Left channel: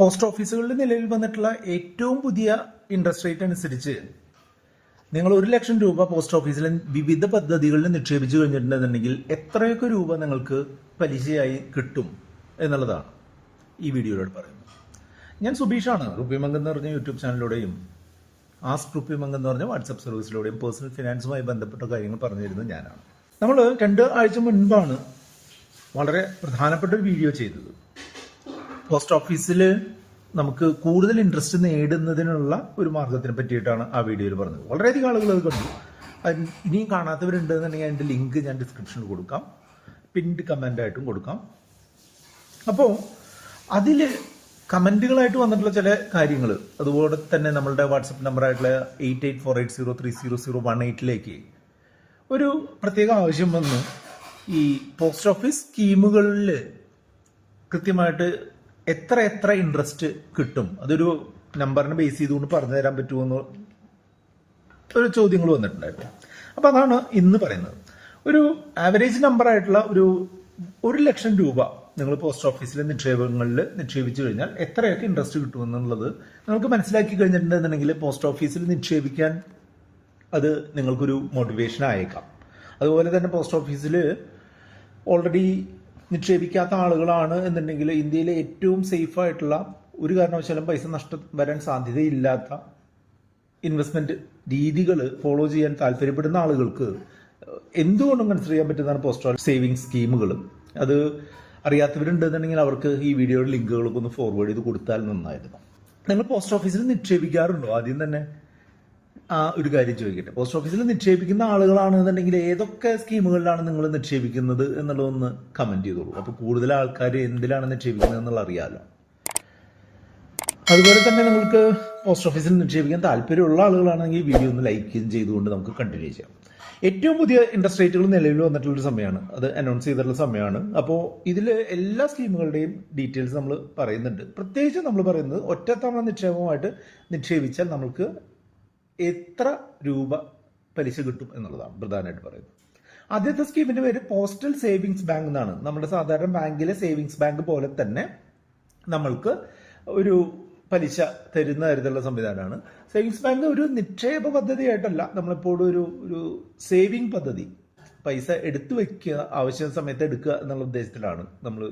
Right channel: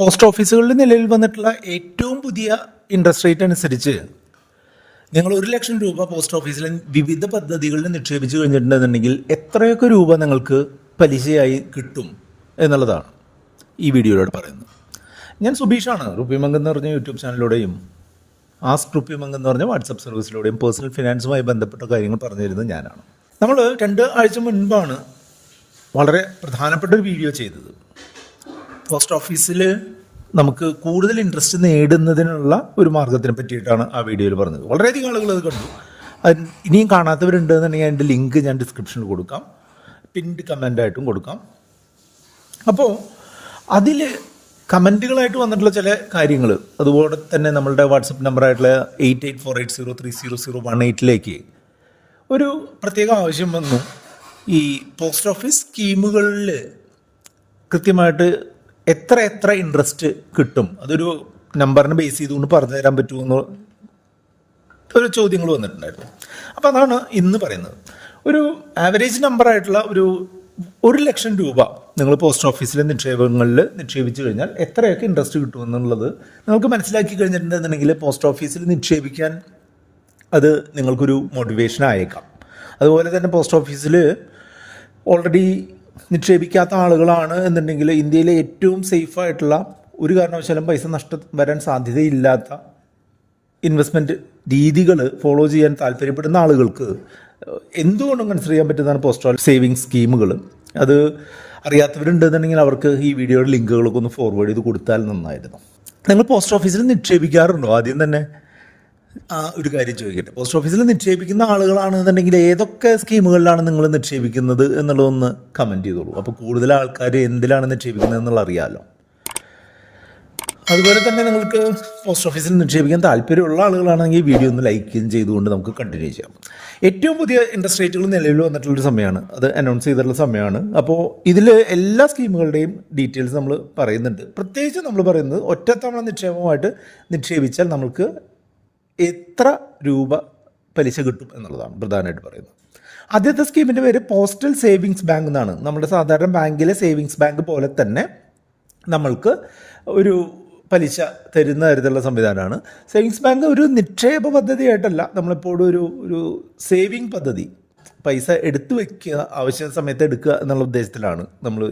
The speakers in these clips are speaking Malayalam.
പോസ്റ്റ് ഓഫീസുകളിൽ നിലവിൽ വന്നിട്ടുള്ള ഏറ്റവും പുതിയ ഇൻട്രസ്റ്റ് റേറ്റ് അനുസരിച്ച് നിങ്ങൾ 1,00,000 രൂപ പോസ്റ്റ് ഓഫീസിൽ വിവിധ പദ്ധതികളിൽ നിക്ഷേപിച്ചു കഴിഞ്ഞിട്ടുണ്ടെന്നുണ്ടെങ്കിൽ എത്രയൊക്കെ രൂപ നിങ്ങൾക്ക് പലിശയായി കിട്ടും എന്നുള്ളതാണ് ഈ വീഡിയോയിലൂടെ പറയുന്നത്. ഞാൻ സുബീഷാണ്. റുപ്പിമംഗ് എന്ന് പറഞ്ഞ യൂട്യൂബ് ചാനലിലൂടെയും ആസ്ക് റുപ്പിമംഗ് എന്ന് പറഞ്ഞ വാട്സപ്പ് സർവീസിലൂടെയും പേഴ്സണൽ ഫിനാൻസുമായി ബന്ധപ്പെട്ട കാര്യങ്ങൾ പറഞ്ഞു തരുന്നത് ഞാനാണ്. നമ്മൾ 2 ആഴ്ച മുൻപാണ് വളരെ പ്രധാനപ്പെട്ട ഒരു വീഡിയോ ചെയ്തത്. പോസ്റ്റ് ഓഫീസിൽ നമുക്ക് കൂടുതൽ ഇൻട്രസ്റ്റ് നേടുന്നതിനുള്ള ഒരു മാർഗത്തിനെ പറ്റിയിട്ടാണ് ആ വീഡിയോയിൽ പറഞ്ഞത്. വളരെയധികം ആളുകൾ അത് കണ്ടു. അത് ഇനിയും കാണാത്തവരുണ്ടെന്നുണ്ടെങ്കിൽ അതിൻ്റെ ലിങ്ക് ഞാൻ ഡിസ്ക്രിപ്ഷനിൽ കൊടുക്കാം, പിൻഡ് കമൻ്റായിട്ടും കൊടുക്കാം. അപ്പോൾ അതിൽ കമൻറ്റുകളായിട്ട് വന്നിട്ടുള്ള ചില കാര്യങ്ങൾ, അതുപോലെ തന്നെ നമ്മളുടെ വാട്സപ്പ് നമ്പറായിട്ടുള്ള 8848030018 ഒരു പ്രത്യേക ആവശ്യം വന്നു. ഈ പോസ്റ്റ് ഓഫീസ് സ്കീമുകളിൽ കൃത്യമായിട്ട് എത്ര ഇൻട്രസ്റ്റ് കിട്ടും, അതൊരു നമ്പറിനെ ബേസ് ചെയ്തുകൊണ്ട് പറഞ്ഞു തരാൻ പറ്റുമെന്ന് ഒരു ചോദ്യങ്ങൾ വന്നിട്ടുണ്ടായിരുന്നു. അപ്പോൾ അതാണ് ഇന്ന് പറയുന്നത്. ഒരു ആവറേജ് നമ്പറായിട്ടുള്ള ഒരു 1,00,000 രൂപ നിങ്ങൾ പോസ്റ്റ് ഓഫീസിലെ നിക്ഷേപങ്ങളിൽ നിക്ഷേപിച്ചു കഴിഞ്ഞാൽ എത്രയൊക്കെ ഇൻട്രസ്റ്റ് കിട്ടുമെന്നുള്ളത് നിങ്ങൾക്ക് മനസ്സിലാക്കി കഴിഞ്ഞിട്ടുണ്ടെന്നുണ്ടെങ്കിൽ പോസ്റ്റ് ഓഫീസിൽ നിക്ഷേപിക്കാൻ അത് നിങ്ങൾക്കൊരു മോട്ടിവേഷൻ ആയേക്കാം. അതുപോലെ തന്നെ പോസ്റ്റ് ഓഫീസിൽ ഓൾറെഡി നിക്ഷേപിക്കാത്ത ആളുകളാണ് എന്നുണ്ടെങ്കിൽ ഇന്ത്യയിലെ ഏറ്റവും സേഫായിട്ടുള്ള, ഒരു കാരണവശാലും പൈസ നഷ്ടം വരാൻ സാധ്യതയില്ലാത്ത ഇൻവെസ്റ്റ്മെൻറ്റ് രീതികൾ ഫോളോ ചെയ്യാൻ താല്പര്യപ്പെടുന്ന ആളുകൾക്ക് എന്തുകൊണ്ടും കൺസിഡർ ചെയ്യാൻ പറ്റുന്നതാണ് പോസ്റ്റ് സേവിങ്സ് സ്കീമുകൾ. അത് അറിയാത്തവരുണ്ടെന്നുണ്ടെങ്കിൽ അവർക്ക് ഈ വീഡിയോയുടെ ലിങ്കുകളൊക്കെ ഒന്ന് ഫോർവേഡ് ചെയ്ത് കൊടുത്താൽ നന്നായിരുന്നു. നിങ്ങൾ പോസ്റ്റ് ഓഫീസിൽ നിക്ഷേപിക്കാറുണ്ടോ? ആദ്യം തന്നെ ആ ഒരു കാര്യം ചോദിക്കട്ടെ. പോസ്റ്റ് ഓഫീസിൽ നിക്ഷേപിക്കുന്ന ആളുകളാണെന്നുണ്ടെങ്കിൽ ഏതൊക്കെ സ്കീമുകളിലാണ് നിങ്ങൾ നിക്ഷേപിക്കുന്നത് എന്നുള്ളതൊന്ന് കമൻറ്റ് ചെയ്തോളൂ. അപ്പോൾ കൂടുതൽ ആൾക്കാർ എന്തിലാണ് നിക്ഷേപിക്കുന്നത് എന്നുള്ള അറിയാമല്ലോ. അതുപോലെ തന്നെ നിങ്ങൾക്ക് പോസ്റ്റ് ഓഫീസിൽ നിക്ഷേപിക്കാൻ താല്പര്യമുള്ള ആളുകളാണെങ്കിൽ വീഡിയോ ഒന്ന് ലൈക്ക് ചെയ്തുകൊണ്ട് നമുക്ക് കണ്ടിന്യൂ ചെയ്യാം. ഏറ്റവും പുതിയ ഇൻട്രസ്റ്റ് റേറ്റുകൾ നിലവിൽ വന്നിട്ടുള്ളൊരു സമയമാണ്, അത് അനൗൺസ് ചെയ്തിട്ടുള്ള സമയമാണ്. അപ്പോൾ ഇതിൽ എല്ലാ സ്കീമുകളുടെയും ഡീറ്റെയിൽസ് നമ്മൾ പറയുന്നുണ്ട്. പ്രത്യേകിച്ച് നമ്മൾ പറയുന്നത് ഒറ്റത്തവണ നിക്ഷേപമായിട്ട് നിക്ഷേപിച്ചാൽ നമുക്ക് എത്ര രൂപ പലിശ കിട്ടും എന്നുള്ളതാണ് പ്രധാനമായിട്ട് പറയുന്നത്. ആദ്യത്തെ സ്കീമിൻ്റെ പേര് പോസ്റ്റൽ സേവിങ്സ് ബാങ്ക് എന്നാണ്. നമ്മുടെ സാധാരണ ബാങ്കിലെ സേവിങ്സ് ബാങ്ക് പോലെ തന്നെ നമ്മൾക്ക് ഒരു പലിശ തരുന്ന തരത്തിലുള്ള സംവിധാനമാണ്. സേവിങ്സ് ബാങ്ക് ഒരു നിക്ഷേപ പദ്ധതിയായിട്ടല്ല, നമ്മളെപ്പോഴും ഒരു സേവിങ് പദ്ധതി, പൈസ എടുത്തു വയ്ക്കുക, ആവശ്യ സമയത്ത് എടുക്കുക എന്നുള്ള ഉദ്ദേശത്തിലാണ് നമ്മൾ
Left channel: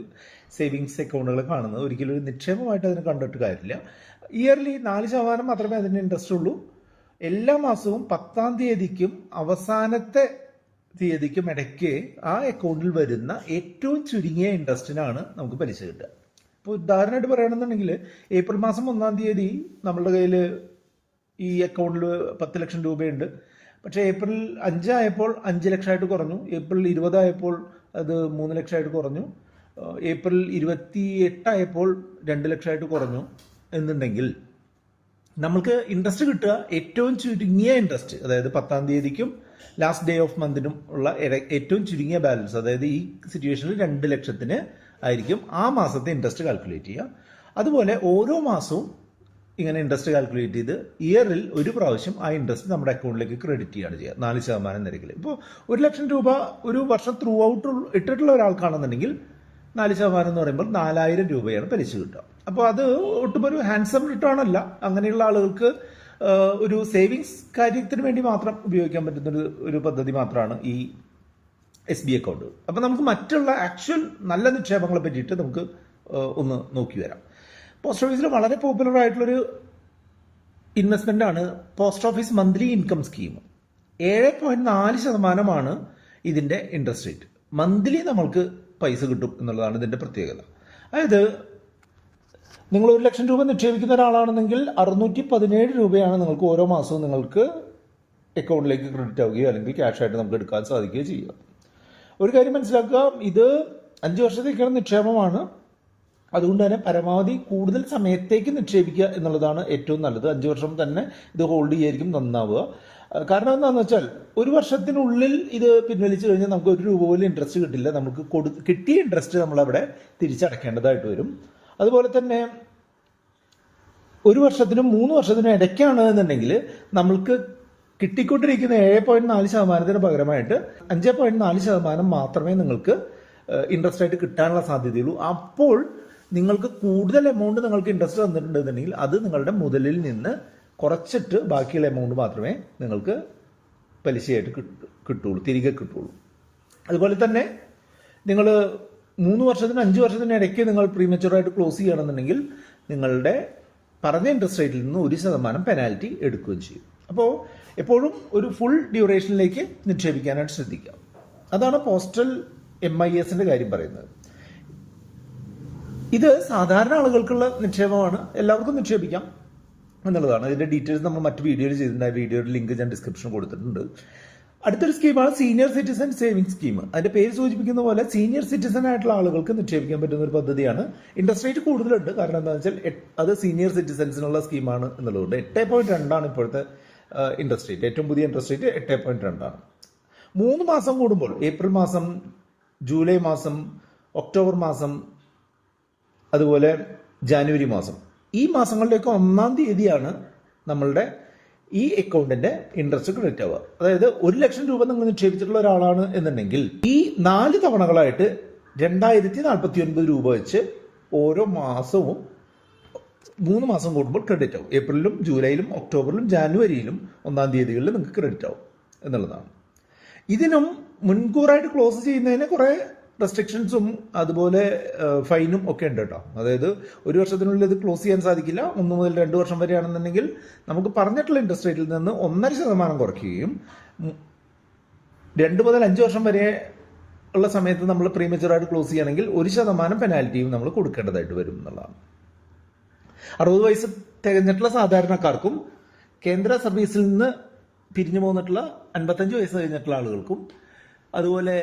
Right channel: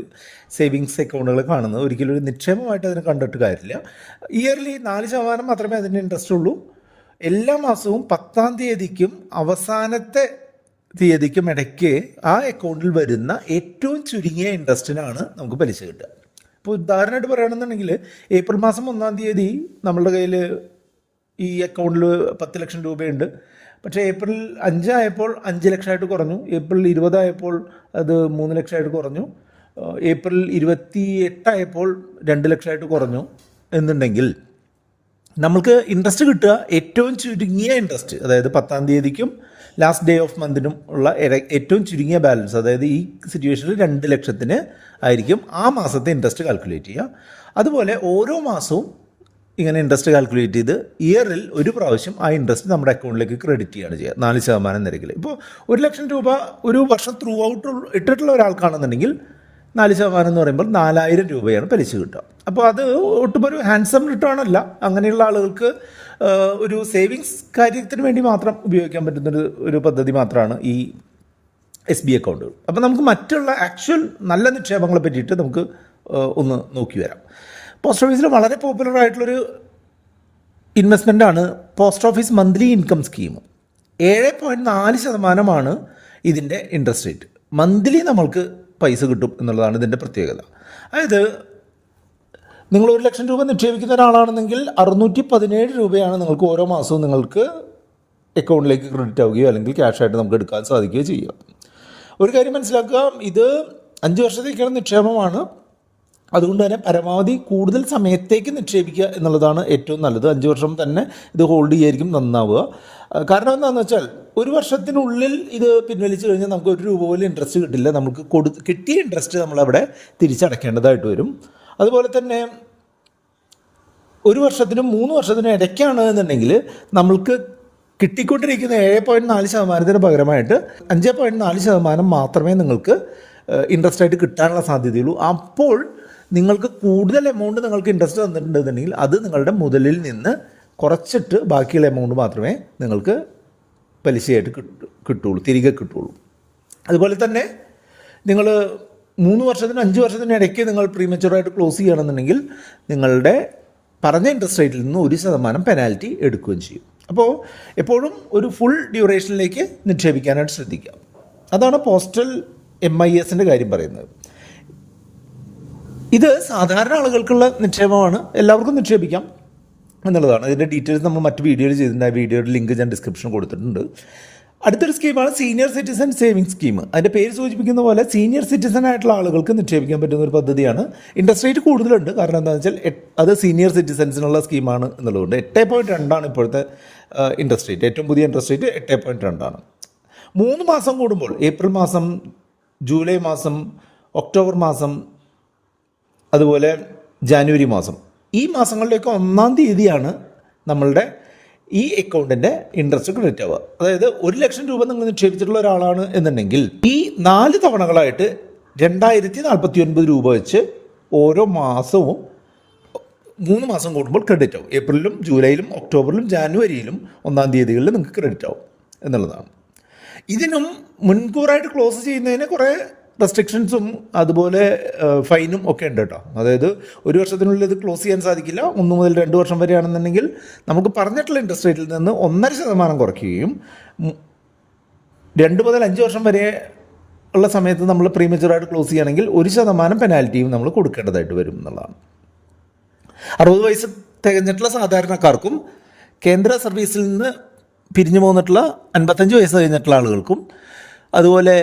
സേവിങ്സ് അക്കൗണ്ടുകൾ കാണുന്നത്. ഒരിക്കലും ഒരു നിക്ഷേപമായിട്ട് അതിനെ കണ്ടിട്ട് കാര്യമില്ല. ഇയർലി 4% മാത്രമേ അതിന് ഇൻട്രസ്റ്റ് ഉള്ളൂ. എല്ലാ മാസവും 10-ാം തീയതിക്കും അവസാനത്തെ തീയതിക്കും ഇടയ്ക്ക് ആ അക്കൗണ്ടിൽ വരുന്ന ഏറ്റവും ചുരുങ്ങിയ ഇൻട്രസ്റ്റിനാണ് നമുക്ക് പലിശ കിട്ടുക. ഇപ്പോൾ ഉദാഹരണമായിട്ട് പറയുകയാണെന്നുണ്ടെങ്കിൽ ഏപ്രിൽ മാസം 1-ാം തീയതി നമ്മളുടെ കയ്യിൽ ഈ അക്കൗണ്ടിൽ 10,00,000 രൂപയുണ്ട്. പക്ഷേ ഏപ്രിൽ 5 ആയപ്പോൾ 5 ലക്ഷമായിട്ട് കുറഞ്ഞു. ഏപ്രിൽ 20 ആയപ്പോൾ അത് 3 ലക്ഷമായിട്ട് കുറഞ്ഞു. ഏപ്രിൽ 28 ആയപ്പോൾ 2 ലക്ഷമായിട്ട് കുറഞ്ഞു എന്നുണ്ടെങ്കിൽ നമുക്ക് ഇൻട്രസ്റ്റ് കിട്ടുക ഏറ്റവും ചുരുങ്ങിയ ഇൻട്രസ്റ്റ്, അതായത് 10-ാം തീയതിക്കും ലാസ്റ്റ് ഡേ ഓഫ് മന്തിനും ഉള്ള ഏറ്റവും ചുരുങ്ങിയ ബാലൻസ്, അതായത് ഈ സിറ്റുവേഷനിൽ 2 ലക്ഷത്തിന് ആയിരിക്കും ആ മാസത്തെ ഇൻട്രസ്റ്റ് കാൽക്കുലേറ്റ് ചെയ്യുക. അതുപോലെ ഓരോ മാസവും ഇങ്ങനെ ഇൻട്രസ്റ്റ് കാൽക്കുലേറ്റ് ചെയ്ത് ഇയറിൽ ഒരു പ്രാവശ്യം ആ ഇൻട്രസ്റ്റ് നമ്മുടെ അക്കൗണ്ടിലേക്ക് ക്രെഡിറ്റ് ചെയ്യുകയാണ് ചെയ്യുക 4% നിരക്കിൽ. ഇപ്പോൾ 1,00,000 രൂപ ഒരു വർഷം ത്രൂ ഔട്ട് ഇട്ടിട്ടുള്ള ഒരാൾക്കാണെന്നുണ്ടെങ്കിൽ 4% എന്ന് പറയുമ്പോൾ 4,000 രൂപയാണ് പലിശ കിട്ടുക. അപ്പോൾ അത് ഒട്ടും ഒരു ഹാൻഡ്സം റിട്ടേൺ അല്ല. അങ്ങനെയുള്ള ആളുകൾക്ക് ഒരു സേവിങ്സ് കാര്യത്തിന് വേണ്ടി മാത്രം ഉപയോഗിക്കാൻ പറ്റുന്നൊരു പദ്ധതി മാത്രമാണ് ഈ SB അക്കൗണ്ടുകൾ. അപ്പോൾ നമുക്ക് മറ്റുള്ള ആക്ച്വൽ നല്ല നിക്ഷേപങ്ങളെ പറ്റിയിട്ട് നമുക്ക് ഒന്ന് നോക്കി വരാം. പോസ്റ്റ് ഓഫീസിൽ വളരെ പോപ്പുലർ ആയിട്ടുള്ളൊരു ഇൻവെസ്റ്റ്മെൻറ്റാണ് post office monthly income scheme. 7.4% ഇതിൻ്റെ ഇൻട്രസ്റ്റ് റേറ്റ്. മന്ത്ലി നമ്മൾക്ക് പൈസ കിട്ടും എന്നുള്ളതാണ് ഇതിൻ്റെ പ്രത്യേകത. അതായത് നിങ്ങൾ 1,00,000 രൂപ നിക്ഷേപിക്കുന്ന ഒരാളാണെന്നെങ്കിൽ 617 രൂപയാണ് നിങ്ങൾക്ക് ഓരോ മാസവും നിങ്ങൾക്ക് അക്കൗണ്ടിലേക്ക് ക്രെഡിറ്റ് ആവുകയോ അല്ലെങ്കിൽ ക്യാഷായിട്ട് നമുക്ക് എടുക്കാൻ സാധിക്കുകയോ ചെയ്യുക. ഒരു കാര്യം മനസ്സിലാക്കുക, ഇത് 5 വർഷത്തേക്കുള്ള നിക്ഷേപമാണ്. അതുകൊണ്ട് തന്നെ പരമാവധി കൂടുതൽ സമയത്തേക്ക് നിക്ഷേപിക്കുക എന്നുള്ളതാണ് ഏറ്റവും നല്ലത്. 5 വർഷം തന്നെ ഇത് ഹോൾഡ് ചെയ്യായിരിക്കും നന്നാവുക. കാരണം എന്താണെന്ന് വെച്ചാൽ 1 വർഷത്തിനുള്ളിൽ ഇത് പിൻവലിച്ച് കഴിഞ്ഞാൽ നമുക്ക് 1 രൂപ പോലും ഇൻട്രസ്റ്റ് കിട്ടില്ല. നമുക്ക് കിട്ടിയ ഇൻട്രസ്റ്റ് നമ്മളവിടെ തിരിച്ചടക്കേണ്ടതായിട്ട് വരും. അതുപോലെ തന്നെ 1 വർഷത്തിനും 3 വർഷത്തിനും ഇടയ്ക്കാണ് എന്നുണ്ടെങ്കിൽ നമ്മൾക്ക് കിട്ടിക്കൊണ്ടിരിക്കുന്ന 7.4%-ന് പകരമായിട്ട് 5.4% മാത്രമേ നിങ്ങൾക്ക് ഇൻട്രസ്റ്റ് ആയിട്ട് കിട്ടാനുള്ള സാധ്യതയുള്ളൂ. അപ്പോൾ നിങ്ങൾക്ക് കൂടുതൽ എമൗണ്ട് നിങ്ങൾക്ക് ഇൻട്രസ്റ്റ് തന്നിട്ടുണ്ടെന്നുണ്ടെങ്കിൽ അത് നിങ്ങളുടെ മുതലിൽ നിന്ന് കുറച്ചിട്ട് ബാക്കിയുള്ള എമൗണ്ട് മാത്രമേ നിങ്ങൾക്ക് പലിശയായിട്ട് കിട്ടുള്ളൂ, തിരികെ കിട്ടുള്ളൂ. അതുപോലെ തന്നെ നിങ്ങൾ 3 വർഷത്തിന് 5 വർഷത്തിന് ഇടയ്ക്ക് നിങ്ങൾ പ്രീമച്ചുവറായിട്ട് ക്ലോസ് ചെയ്യുകയാണെന്നുണ്ടെങ്കിൽ നിങ്ങളുടെ പറഞ്ഞ ഇൻട്രസ്റ്റ് റേറ്റിൽ നിന്ന് 1% പെനാൽറ്റി എടുക്കുകയും ചെയ്യും. അപ്പോൾ എപ്പോഴും ഒരു ഫുൾ ഡ്യൂറേഷനിലേക്ക് നിക്ഷേപിക്കാനായിട്ട് ശ്രദ്ധിക്കുക. അതാണ് പോസ്റ്റൽ MISൻ്റെ കാര്യം പറയുന്നത്. ഇത് സാധാരണ ആളുകൾക്കുള്ള നിക്ഷേപമാണ്, എല്ലാവർക്കും നിക്ഷേപിക്കാം എന്നുള്ളതാണ്. ഇതിൻ്റെ ഡീറ്റെയിൽസ് നമ്മൾ മറ്റ് വീഡിയോയിൽ ചെയ്തിട്ടുണ്ട്. ആ വീഡിയോയുടെ ലിങ്ക് ഞാൻ ഡിസ്ക്രിപ്ഷനിൽ കൊടുത്തിട്ടുണ്ട്. അടുത്തൊരു സ്കീമാണ് സീനിയർ സിറ്റിസൺ സേവിങ് സ്കീം. അതിൻ്റെ പേര് സൂചിപ്പിക്കുന്ന പോലെ സീനിയർ സിറ്റിസൺ ആയിട്ടുള്ള ആളുകൾക്ക് നിക്ഷേപിക്കാൻ പറ്റുന്ന ഒരു പദ്ധതിയാണ്. ഇൻട്രസ്റ്റ് റേറ്റ് കൂടുതലുണ്ട്, കാരണം എന്താണെന്ന് വെച്ചാൽ അത് സീനിയർ സിറ്റിസൺസിനുള്ള സ്കീമാണ് എന്നുള്ളതുകൊണ്ട് 8.2 ഇപ്പോഴത്തെ ഇൻട്രസ്റ്റ് റേറ്റ്. ഏറ്റവും പുതിയ ഇൻട്രസ്റ്റ് റേറ്റ് 8.2. 3 മാസം കൂടുമ്പോൾ, ഏപ്രിൽ മാസം, ജൂലൈ മാസം, ഒക്ടോബർ മാസം, അതുപോലെ ജാനുവരി മാസം, ഈ മാസങ്ങളിലേക്ക് 1-ാം തീയതിയാണ് നമ്മളുടെ ഈ അക്കൗണ്ടിൻ്റെ ഇൻട്രസ്റ്റ് ക്രെഡിറ്റ് ആവുക. അതായത് 1 ലക്ഷം രൂപ നിങ്ങൾ നിക്ഷേപിച്ചിട്ടുള്ള ഒരാളാണ് എന്നുണ്ടെങ്കിൽ ഈ 4 തവണകളായിട്ട് 2049 രൂപ വെച്ച് ഓരോ മാസവും 3 മാസം കൂടുമ്പോൾ ക്രെഡിറ്റ് ആവും. ഏപ്രിലും ജൂലൈയിലും ഒക്ടോബറിലും ജാനുവരിയിലും 1-ാം തീയതികളിൽ നിങ്ങൾക്ക് ക്രെഡിറ്റ് ആവും എന്നുള്ളതാണ്. ഇതിനും മുൻകൂറായിട്ട് ക്ലോസ് ചെയ്യുന്നതിന് കുറേ റെസ്ട്രിക്ഷൻസും അതുപോലെ ഫൈനും ഒക്കെ ഉണ്ട് കേട്ടോ. അതായത് 1 വർഷത്തിനുള്ളിൽ ഇത് ക്ലോസ് ചെയ്യാൻ സാധിക്കില്ല. 1 മുതൽ 2 വർഷം വരെയാണെന്നുണ്ടെങ്കിൽ നമുക്ക് പറഞ്ഞിട്ടുള്ള ഇൻട്രസ്റ്റ് റേറ്റിൽ നിന്ന് 1.5% കുറയ്ക്കുകയും 2 മുതൽ 5 വർഷം വരെ ഉള്ള സമയത്ത് നമ്മൾ പ്രീമച്ചുവറായിട്ട് ക്ലോസ് ചെയ്യുകയാണെങ്കിൽ 1% പെനാൽറ്റിയും നമ്മൾ കൊടുക്കേണ്ടതായിട്ട് വരും എന്നുള്ളതാണ്. 60 വയസ്സ് തികഞ്ഞിട്ടുള്ള സാധാരണക്കാർക്കും കേന്ദ്ര സർവീസിൽ നിന്ന് പിരിഞ്ഞു പോന്നിട്ടുള്ള 55 വയസ്സ് കഴിഞ്ഞിട്ടുള്ള ആളുകൾക്കും അതുപോലെ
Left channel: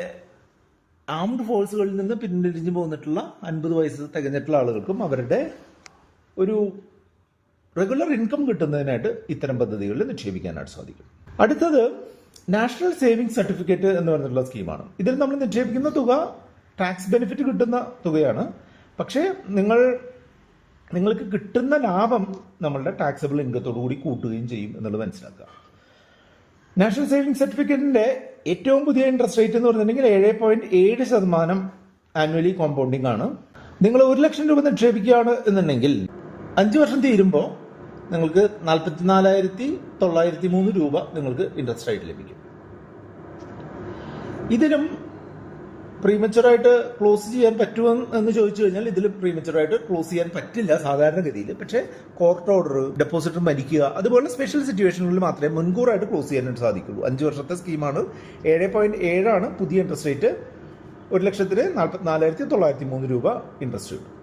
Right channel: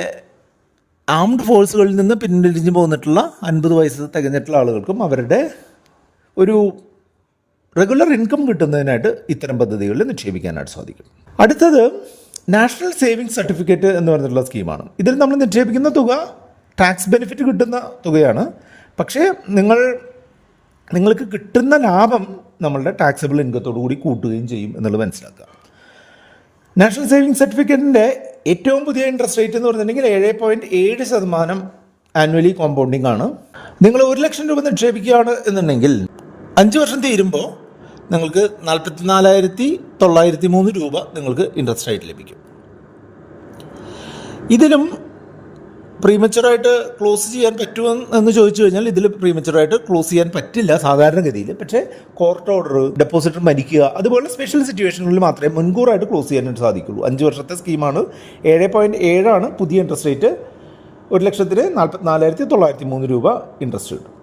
ആംഡ് ഫോഴ്സുകളിൽ നിന്ന് പിന്തിരിഞ്ഞു പോന്നിട്ടുള്ള 50 വയസ്സ് തികഞ്ഞിട്ടുള്ള ആളുകൾക്കും അവരുടെ ഒരു റെഗുലർ ഇൻകം കിട്ടുന്നതിനായിട്ട് ഇത്തരം പദ്ധതികളിൽ നിക്ഷേപിക്കാനായിട്ട് സാധിക്കും. അടുത്തത് നാഷണൽ സേവിങ്സ് സർട്ടിഫിക്കറ്റ് എന്ന് പറഞ്ഞിട്ടുള്ള സ്കീമാണ്. ഇതിൽ നമ്മൾ നിക്ഷേപിക്കുന്ന തുക ടാക്സ് ബെനിഫിറ്റ് കിട്ടുന്ന തുകയാണ്. പക്ഷേ നിങ്ങൾക്ക് കിട്ടുന്ന ലാഭം നമ്മളുടെ ടാക്സബിൾ ഇൻകത്തോടു കൂടി കൂട്ടുകയും ചെയ്യും എന്നുള്ളത് മനസ്സിലാക്കുക. നാഷണൽ സേവിങ്സ് സർട്ടിഫിക്കറ്റിൻ്റെ ഏറ്റവും പുതിയ ഇൻട്രസ്റ്റ് റേറ്റ് എന്ന് പറഞ്ഞിട്ടുണ്ടെങ്കിൽ 7.7% ആനുവലി കോമ്പൗണ്ടിങ് ആണ്. നിങ്ങൾ 1 ലക്ഷം രൂപ നിക്ഷേപിക്കുകയാണ് എന്നുണ്ടെങ്കിൽ 5 വർഷം തീരുമ്പോൾ നിങ്ങൾക്ക് 44,903 രൂപ നിങ്ങൾക്ക് ഇൻട്രസ്റ്റ് റേറ്റ് ലഭിക്കും. ഇതിലും പ്രീമച്ചുവറായിട്ട് ക്ലോസ് ചെയ്യാൻ പറ്റുമോ എന്ന് ചോദിച്ചു കഴിഞ്ഞാൽ ഇതിൽ പ്രീമച്ചുവറായിട്ട് ക്ലോസ് ചെയ്യാൻ പറ്റില്ല സാധാരണഗതിയിൽ. പക്ഷേ കോർട്ട് ഓർഡർ, ഡെപ്പോസിറ്റർ മരിക്കുക, അതുപോലെ സ്പെഷ്യൽ സിറ്റുവേഷനുകളിൽ മാത്രമേ മുൻകൂറായിട്ട് ക്ലോസ് ചെയ്യാനായിട്ട് സാധിക്കുള്ളൂ. 5 വർഷത്തെ സ്കീമാണ്. 7.7 പുതിയ ഇൻട്രസ്റ്റ് റേറ്റ്. 1 ലക്ഷത്തിന് 44,903 രൂപ ഇൻട്രസ്റ്റ് കിട്ടും.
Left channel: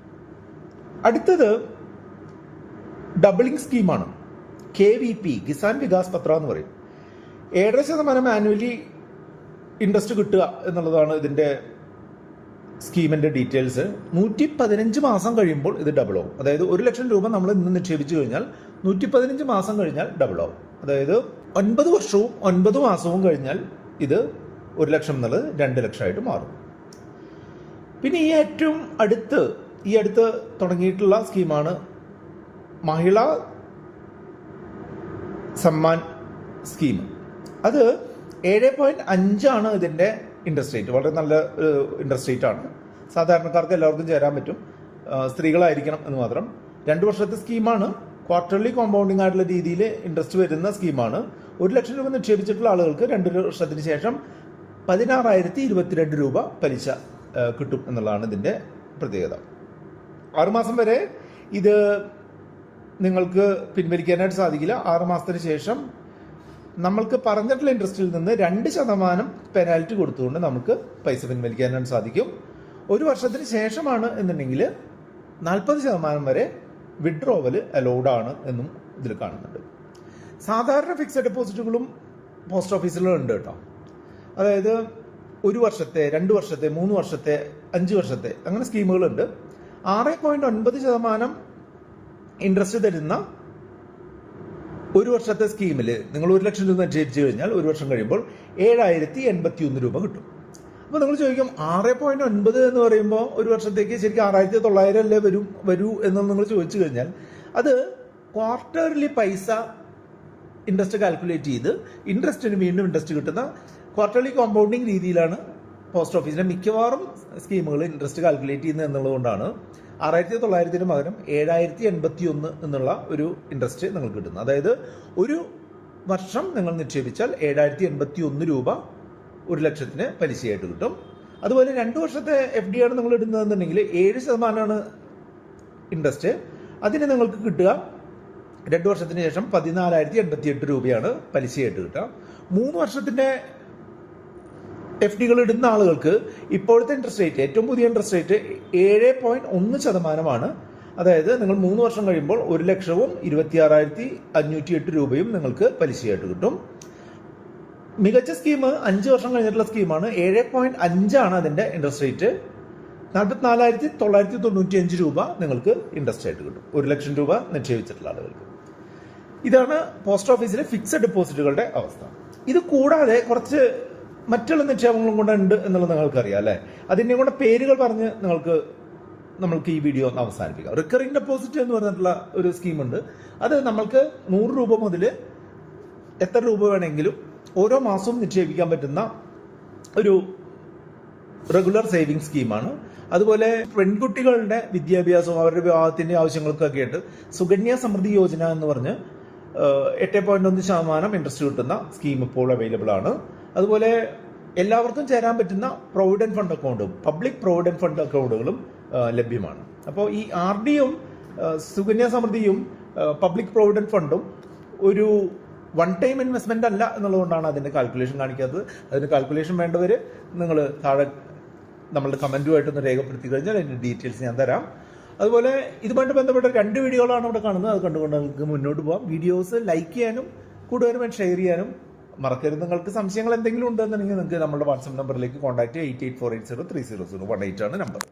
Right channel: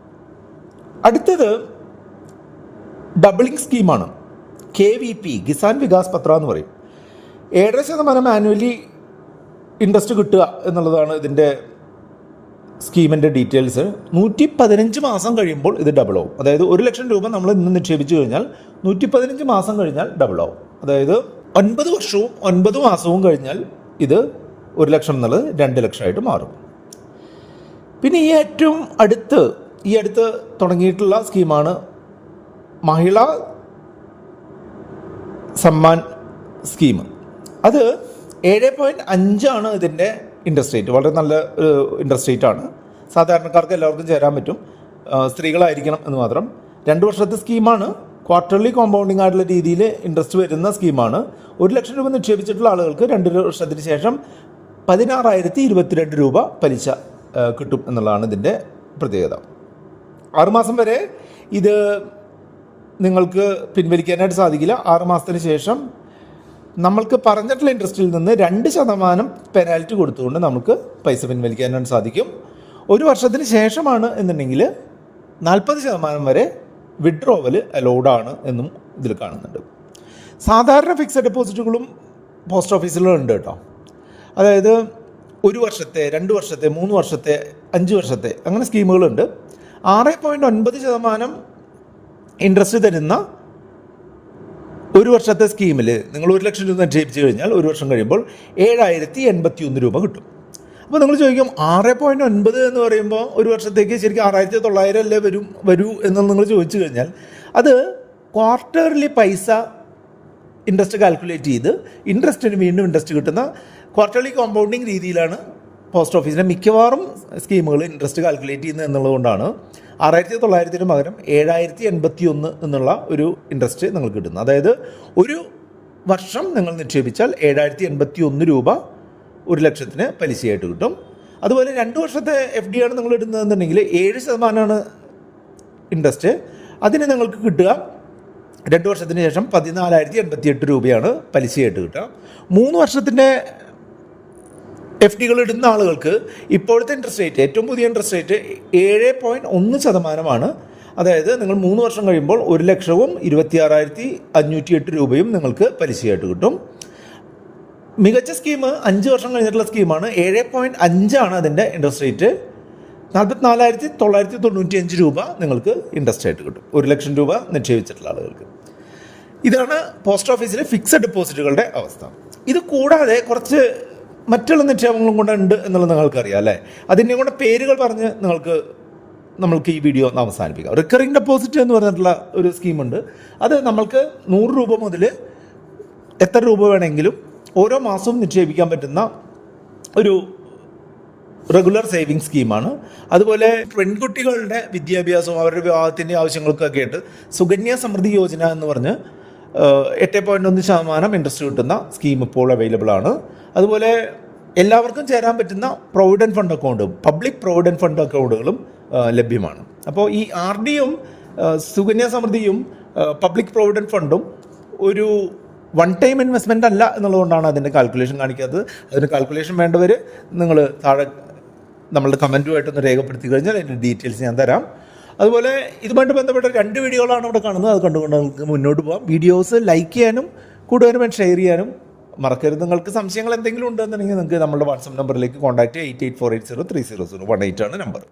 അടുത്തത് ഡബിളിംഗ് സ്കീമാണ്. KVP, കിസാൻ വികാസ് പത്ര എന്ന് പറയും. 7% ആനുവലി ഇൻട്രസ്റ്റ് കിട്ടുക എന്നുള്ളതാണ് ഇതിൻ്റെ സ്കീമിൻ്റെ ഡീറ്റെയിൽസ്. 115 മാസം കഴിയുമ്പോൾ ഇത് ഡബിൾ ആവും. അതായത് 1 ലക്ഷം രൂപ നമ്മൾ ഇന്ന് നിക്ഷേപിച്ചു കഴിഞ്ഞാൽ 115 മാസം കഴിഞ്ഞാൽ ഡബിൾ ആവും. അതായത് 9 വർഷവും 9 മാസവും കഴിഞ്ഞാൽ ഇത് 1 ലക്ഷം എന്നുള്ളത് 2 ലക്ഷമായിട്ട് മാറും. പിന്നെ ഈ അടുത്ത് തുടങ്ങിയിട്ടുള്ള സ്കീമാണ് മഹിളാ സമ്മാൻ സ്കീം. അത് 7.5 ഇതിൻ്റെ ഇൻട്രസ്റ്റ് റേറ്റ്. വളരെ നല്ല ഇൻട്രസ്റ്റ് റേറ്റ് ആണ്. സാധാരണക്കാർക്ക് എല്ലാവർക്കും ചേരാൻ പറ്റും, സ്ത്രീകളായിരിക്കണം എന്ന് മാത്രം. 2 വർഷത്തെ സ്കീമാണ്. ക്വാർട്ടർലി കോമ്പൗണ്ടിങ് ആയിട്ടുള്ള രീതിയിൽ ഇൻട്രസ്റ്റ് വരുന്ന സ്കീമാണ്. 1 ലക്ഷം രൂപ നിക്ഷേപിച്ചിട്ടുള്ള ആളുകൾക്ക് 2 വർഷത്തിന് ശേഷം 16,022 രൂപ പലിശ കിട്ടും എന്നുള്ളതാണ് ഇതിൻ്റെ പ്രത്യേകത. 6 മാസം വരെ ഇത് നിങ്ങൾക്ക് പിൻവലിക്കാനായിട്ട് സാധിക്കില്ല. 6 മാസത്തിന് ശേഷം നമ്മൾക്ക് പറഞ്ഞിട്ടുള്ള ഇൻട്രസ്റ്റിൽ നിന്ന് 2% പെനാൽറ്റി കൊടുത്തുകൊണ്ട് നമുക്ക് പൈസ പിൻവലിക്കാനായിട്ട് സാധിക്കും. 1 വർഷത്തിന് ശേഷമാണ് എന്നുണ്ടെങ്കിൽ 40% വരെ വിഡ്രോവൽ അലൗഡാണ് എന്നും ഇതിൽ കാണുന്നുണ്ട്. സാധാരണ ഫിക്സഡ് ഡെപ്പോസിറ്റുകളും പോസ്റ്റ് ഓഫീസിലുണ്ട് കേട്ടോ. അതായത് 1 വർഷത്തെ, 2 വർഷത്തെ, 3 വർഷത്തെ, 5 വർഷത്തെ അങ്ങനെ സ്കീമുകളുണ്ട്. 6.9% ഇൻട്രസ്റ്റ് തരുന്ന 1 വർഷത്തെ സ്കീമിൽ നിങ്ങൾ 1 ലക്ഷം രൂപ നിക്ഷേപിച്ച് കഴിഞ്ഞാൽ 1 വർഷം കഴിയുമ്പോൾ 7,081 രൂപ കിട്ടും. അപ്പോൾ നിങ്ങൾ ചോദിക്കും 6.9 എന്ന് പറയുമ്പോൾ 1 വർഷത്തേക്ക് ശരിക്കും 6,900 അല്ലേ വരൂ എന്ന് നിങ്ങൾ ചോദിച്ചു കഴിഞ്ഞാൽ അത് ക്വാർട്ടർലി പൈസ ഇൻട്രസ്റ്റ് കാൽക്കുലേറ്റ് ചെയ്ത് ഇൻട്രസ്റ്റിന് വീണ്ടും ഇൻട്രസ്റ്റ് കിട്ടുന്ന ക്വാർട്ടർലി കോമ്പൗണ്ടിങ് രീതിയിലാണ് പോസ്റ്റ് ഓഫീസിൻ്റെ മിക്കവാറും സ്കീമുകൾ ഇൻട്രസ്റ്റ് കാൽക്കുലേറ്റ് ചെയ്യുന്നത് എന്നുള്ളതുകൊണ്ടാണ് 6,900 പകരം 7,081 എന്നുള്ള ഒരു ഇൻട്രസ്റ്റ് നിങ്ങൾക്ക് കിട്ടുന്നു. അതായത് ഒരു വർഷം നിങ്ങൾ നിക്ഷേപിച്ചാൽ 7,081 രൂപ 1,00,000 പലിശയായിട്ട് കിട്ടും. അതുപോലെ 2 വർഷത്തെ FD ആണ് നിങ്ങൾ ഇടുന്നതെന്നുണ്ടെങ്കിൽ 7% ഇൻട്രസ്റ്റ്. അതിന് നിങ്ങൾക്ക് കിട്ടുക 2 വർഷത്തിന് ശേഷം 14,088 രൂപയാണ് പലിശയായിട്ട് കിട്ടുക. 3 വർഷത്തിൻ്റെ FDകൾ ഇടുന്ന ആളുകൾക്ക് ഇപ്പോഴത്തെ ഇൻട്രസ്റ്റ് റേറ്റ്, ഏറ്റവും പുതിയ ഇൻട്രസ്റ്റ് റേറ്റ് 7.1% അതായത് നിങ്ങൾ 3 വർഷം കഴിയുമ്പോൾ 1,26,508 രൂപയും നിങ്ങൾക്ക് പലിശയായിട്ട് കിട്ടും. മികച്ച സ്കീം 5 വർഷം കഴിഞ്ഞിട്ടുള്ള സ്കീമാണ്. 7.5 അതിൻ്റെ ഇൻട്രസ്റ്റ് റേറ്റ്. 44,995 രൂപ നിങ്ങൾക്ക് ഇൻട്രസ്റ്റ് ആയിട്ട് കിട്ടും 1,00,000 രൂപ നിക്ഷേപിച്ചിട്ടുള്ള ആളുകൾക്ക്. ഇതാണ് പോസ്റ്റ് ഓഫീസിലെ ഫിക്സഡ് ഡെപ്പോസിറ്റുകളുടെ അവസ്ഥ. ഇത് കൂടാതെ കുറച്ച് മറ്റുള്ള നിക്ഷേപങ്ങളും കൂടെ ഉണ്ട് എന്നുള്ളത് നിങ്ങൾക്കറിയാം അല്ലേ? അതിൻ്റെ കൂടെ പേരുകൾ പറഞ്ഞ് നമ്മൾക്ക് ഈ വീഡിയോ ഒന്ന് അവസാനിപ്പിക്കാം. റിക്കറിംഗ് ഡെപ്പോസിറ്റ് എന്ന് പറഞ്ഞിട്ടുള്ള ഒരു സ്കീമുണ്ട്. അത് നമ്മൾക്ക് 100 രൂപ മുതൽ എത്ര രൂപ വേണമെങ്കിലും ഓരോ മാസവും നിക്ഷേപിക്കാൻ പറ്റുന്ന ഒരു റെഗുലർ സേവിങ് സ്കീമാണ്. അതുപോലെ പെൺകുട്ടികളുടെ വിദ്യാഭ്യാസവും അവരുടെ വിവാഹത്തിൻ്റെ ആവശ്യങ്ങൾക്കൊക്കെ ആയിട്ട് സുകന്യ സമൃദ്ധി യോജന എന്ന് പറഞ്ഞ് 8.1% ഇൻട്രസ്റ്റ് കിട്ടുന്ന സ്കീം ഇപ്പോൾ അവൈലബിൾ ആണ്. അതുപോലെ എല്ലാവർക്കും ചേരാൻ പറ്റുന്ന പ്രൊവിഡൻറ്റ് ഫണ്ട് അക്കൗണ്ടും പബ്ലിക് പ്രൊവിഡൻറ്റ് ഫണ്ട് അക്കൗണ്ടുകളും ലഭ്യമാണ്. അപ്പോൾ ഈ RDയും സുകന്യ സമൃദ്ധിയും പബ്ലിക് പ്രൊവിഡൻറ്റ് ഫണ്ടും ഒരു വൺ ടൈം ഇൻവെസ്റ്റ്മെൻ്റ് അല്ല എന്നുള്ളതുകൊണ്ടാണ് അതിൻ്റെ കാൽക്കുലേഷൻ കാണിക്കാത്തത്. അതിന് കാൽക്കുലേഷൻ വേണ്ടവർ നിങ്ങൾ താഴെ നമ്മളുടെ കമൻറ്റുമായിട്ടൊന്ന് രേഖപ്പെടുത്തി കഴിഞ്ഞാൽ അതിൻ്റെ ഡീറ്റെയിൽസ് ഞാൻ തരാം. അതുപോലെ ഇതുമായിട്ട് ബന്ധപ്പെട്ട 2 വീഡിയോകളാണ് ഇവിടെ കാണുന്നത്. അത് കണ്ടുകൊണ്ട് നമുക്ക് മുന്നോട്ട് പോകാം. വീഡിയോസ് ലൈക്ക് ചെയ്യാനും കൂടുതലും ഷെയർ ചെയ്യാനും മറക്കരുത്. നിങ്ങൾക്ക് സംശയങ്ങൾ എന്തെങ്കിലും ഉണ്ടെന്നുണ്ടെങ്കിൽ നിങ്ങൾക്ക് നമ്മുടെ വാട്സപ്പ് നമ്പറിലേക്ക് കോൺടാക്റ്റ് 8848030018 ആണ് നമ്പർ.